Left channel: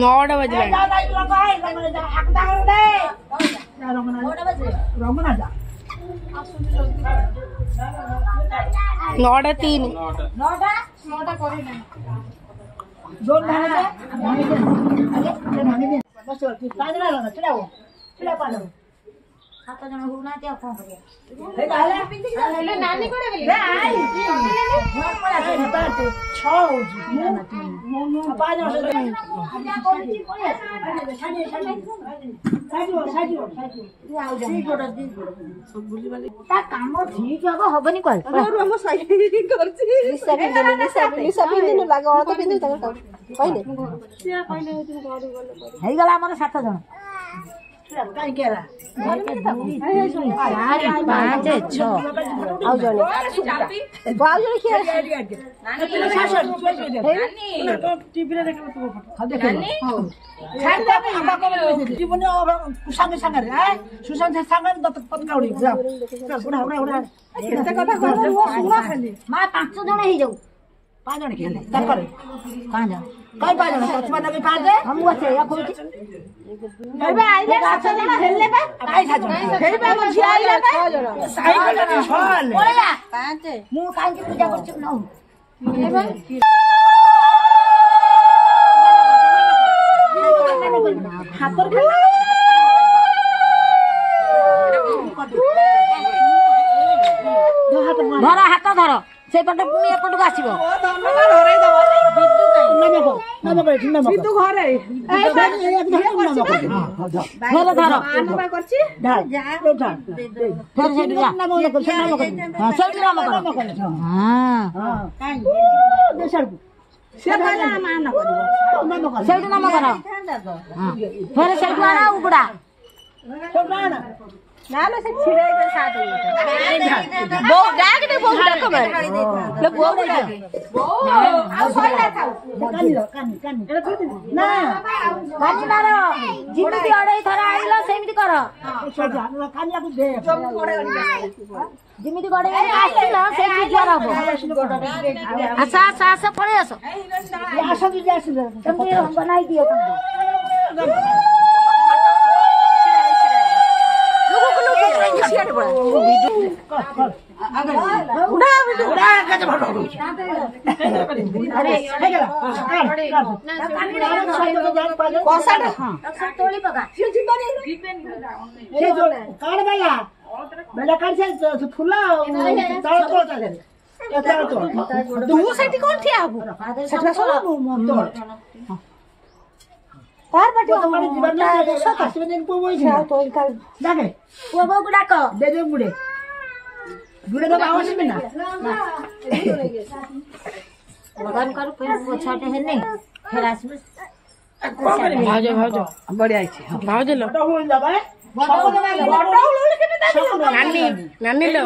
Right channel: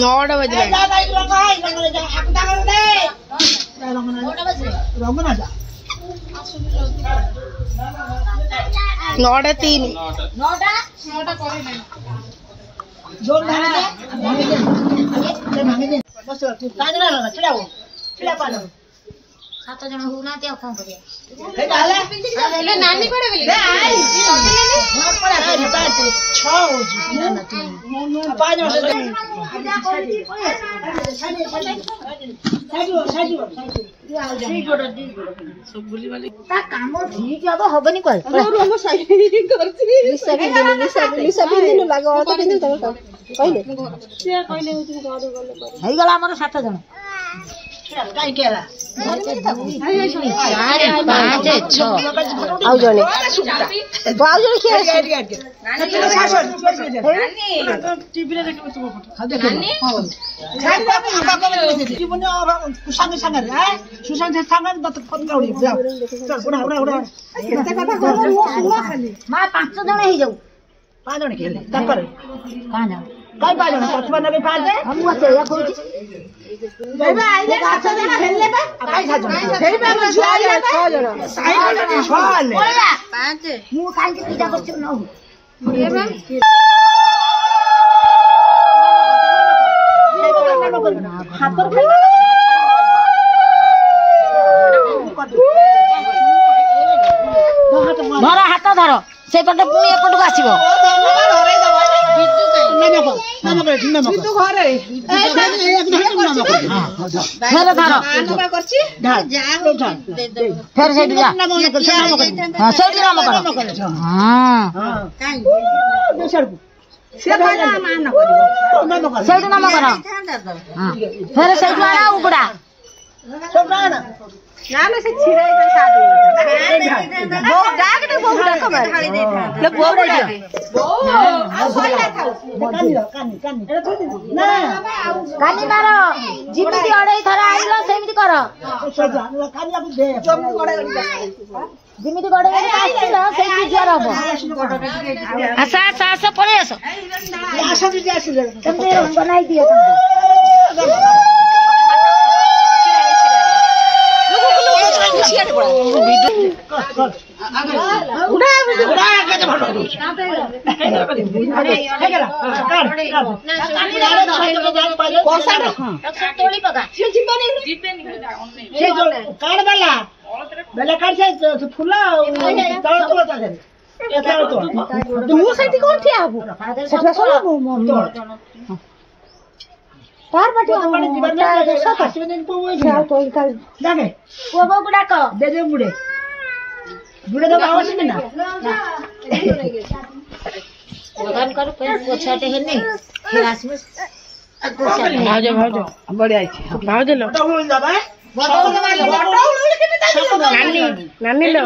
नौटा बज गए। 9:03 7 जन हो ना ते कौन करिया हेले नानी कोडे गेली ए आई घर पर आ 6 हो जी 5 वर्ष सब बुली वाली ता काम ठीक हबो हबनी कल हम साइड करछि लिसा बिंदु लागो तो बिंदु तमे कहले से कहले तुम घर गले हई गला हमर 7 जन काई केला 4 5 6 आउ जले बाजू के तुम शासन टीवी रे देखबो तुम फोटो खा देखो छान को आका को जीवन कुसांग संग रे सुशांत संग दत फोन काउडी जाओ उड़ा केते कथा कहबो मो सुना खाली मा 5 जन ही जाऊ 5 जन खेले तकर 5 जन कई 5 जन पछवा लगे 5 दे हम से या कोई बेबा आइले 7 जन खेलले बा काई 7 जन हेबा म झिया आइले बा 6 जन 6 बोला 5 मु काई के पूजा करछु न बेबा हाथ पर खेल धर हाथ धर से पटे पुनी एपट को आसीबो नमक तू घरे एक धर नमक फेर धर आगमा करछि जाओ फेर से जा नमक हां से नमक हां काई बेसर से भाई मान करिवो से नमक कर हां फेर से आना उगड़ा सब ना नाले से छिराई के साथ बो डाक दे बो डाक ले बो डाक आ सइला खाऊ कानी एटा थोइ ना कानी मारो जिमिति अडई थरा आइलो सेमिति कर सजा कानी आकु दे जम गडे जिमिति गडे गडे आछिल सेमिति ज्वार हबो आसा आसा आसा पळे आसो आसा भी आछिल तमे बनाई दिए तमे तार बाटे जीवन में आश्रम दिन को वही जाओ तो जाके वो बगुड़ा को दे दे बुढ़े बुढ़े तो आवश्यक ना लगान कर फिर पोछाटे है नहीं फिर आसमे भाजो बढ़िया है भाजो लो तो हो जाबे नानी नानी लो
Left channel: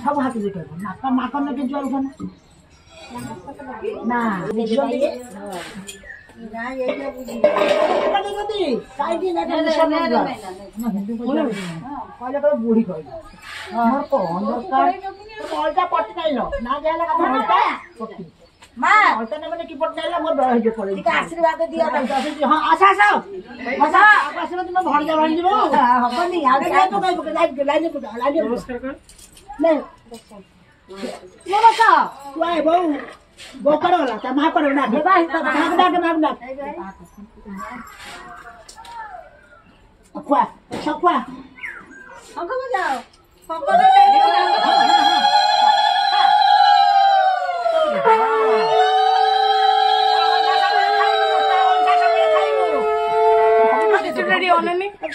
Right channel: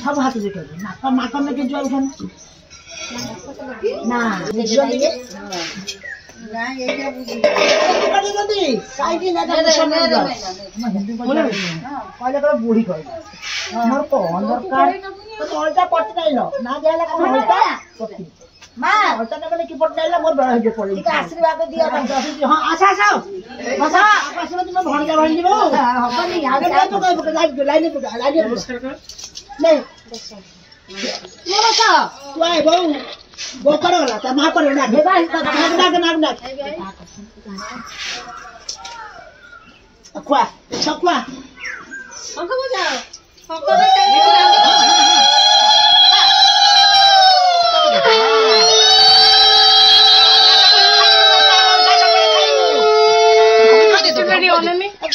सब हाथ देखो नाक नाक में के ज्वर उठना ନା ବୁଢୀ କହିଲା ମୋର କଣ ଦରକାର ପଟି ନାଇଲ ନା ଦିଆହେଲା ମା ଅଳ୍ଟା ନେବେ କି ପଟି ନାଇଲା ମୋର ବେଳ ହେଇଯିବ ପଳେଇ ଟିକେ ଆଶୀର୍ବାଦ ଦିଅ ହଁ ଆସ ଆସ ଆସ ଆଶୀର୍ବାଦ ମୋ ଭଣଜା ଭଣଯିବ ହବନି ଲାଇନ ନେ ତୁ ଆଏ ବୋଉ ବୋଉ କରଗଲା ତା ମା କରଗଲା ଖୁଆ ଖୁଆ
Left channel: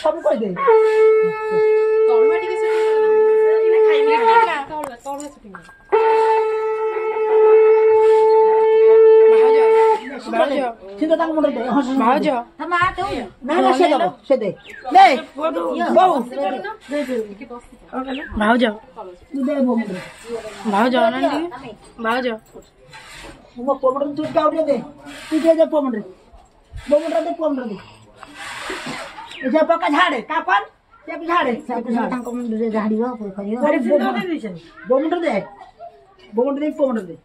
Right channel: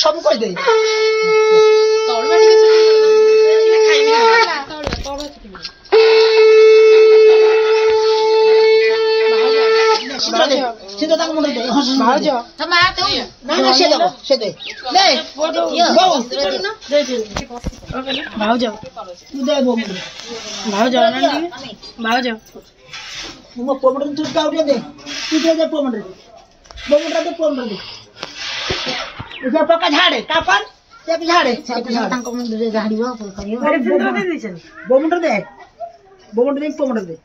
ସବୁ କହିଦେ ସିଏ ତାଙ୍କ ମୁଣ୍ଡ ଭାଉଜ ସେ ଦେ ଭାଉଜ ତୁ ଦେ ଭାଉଜ ଭାଉଜ ମୋ ପମଣ୍ଡ ତୁ କାଉଡ଼ିଆ ଦେ ତୁ ଦେ ପମଣ୍ଡ ଦେ ପମଣ୍ଡ दे पका झाड़े कापन एक झाड़े तांको मुंडे झाड़ियो करियो बोमुंडर दे पोमुंडर दे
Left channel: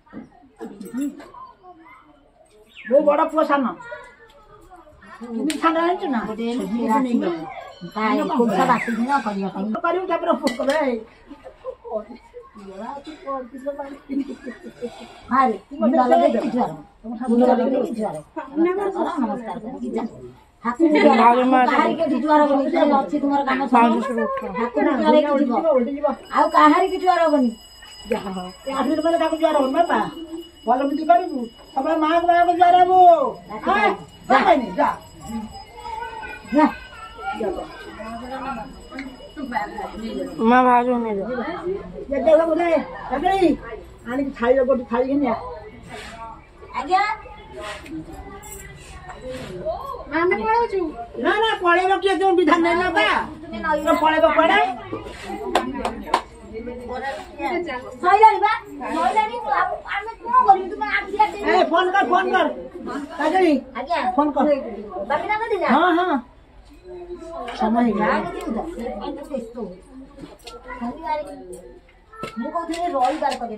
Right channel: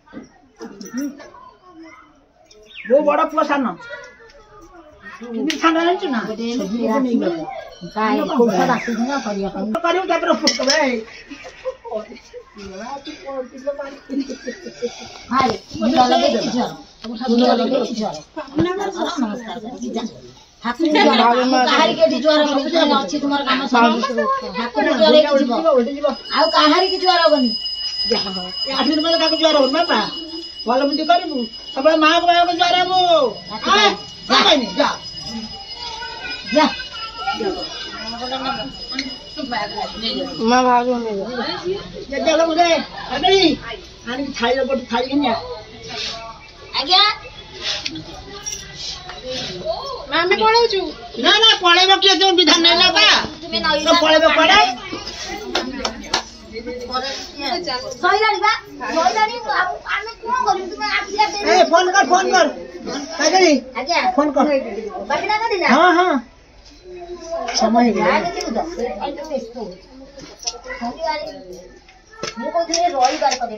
वो बड़ा पोसान इनी सांगा आइछ ना ताई कोसा बासी न करियो करियो तापर पुष्ट बे हाय मुंडा लगे छ मुंडा लगे छ नमस्कार हाथी काहारी के जुआर बनी अछि तुमर काम हाथी जुआर के जीव आ काहारी के जुआर बनी जा हो 8 दिन पहले का जुआर हो बापा बोल मुंडी करबू सब मां के जुआर हो आ कहनी जा जा मां भाजो ने जा जा मुझे अगली आनी थाली लोट थाली के आज्ञा मामे पळाउछु ना ना पळेबो के जो विधान नै लाबा तुमे नई पळेबो पडा सहिलानी बा सहिलानी आमे को करिम तुमे आखिया दे ए फोन कर काजरी आज्ञा फोन कर बाकी ना दिला हां हां समय गया आगे उधर तो बेस्तो मु कहथि रविवार करे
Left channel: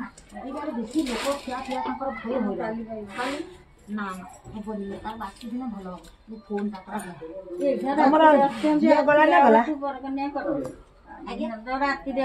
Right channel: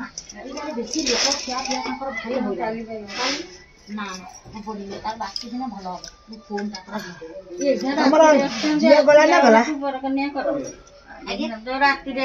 ना रविवार बेसी लोक खिया ताकर भाई होला ना बोलिए तार बाकी दिन भलो फोन ताकर हमरा ये गला ना गला आगे रात रे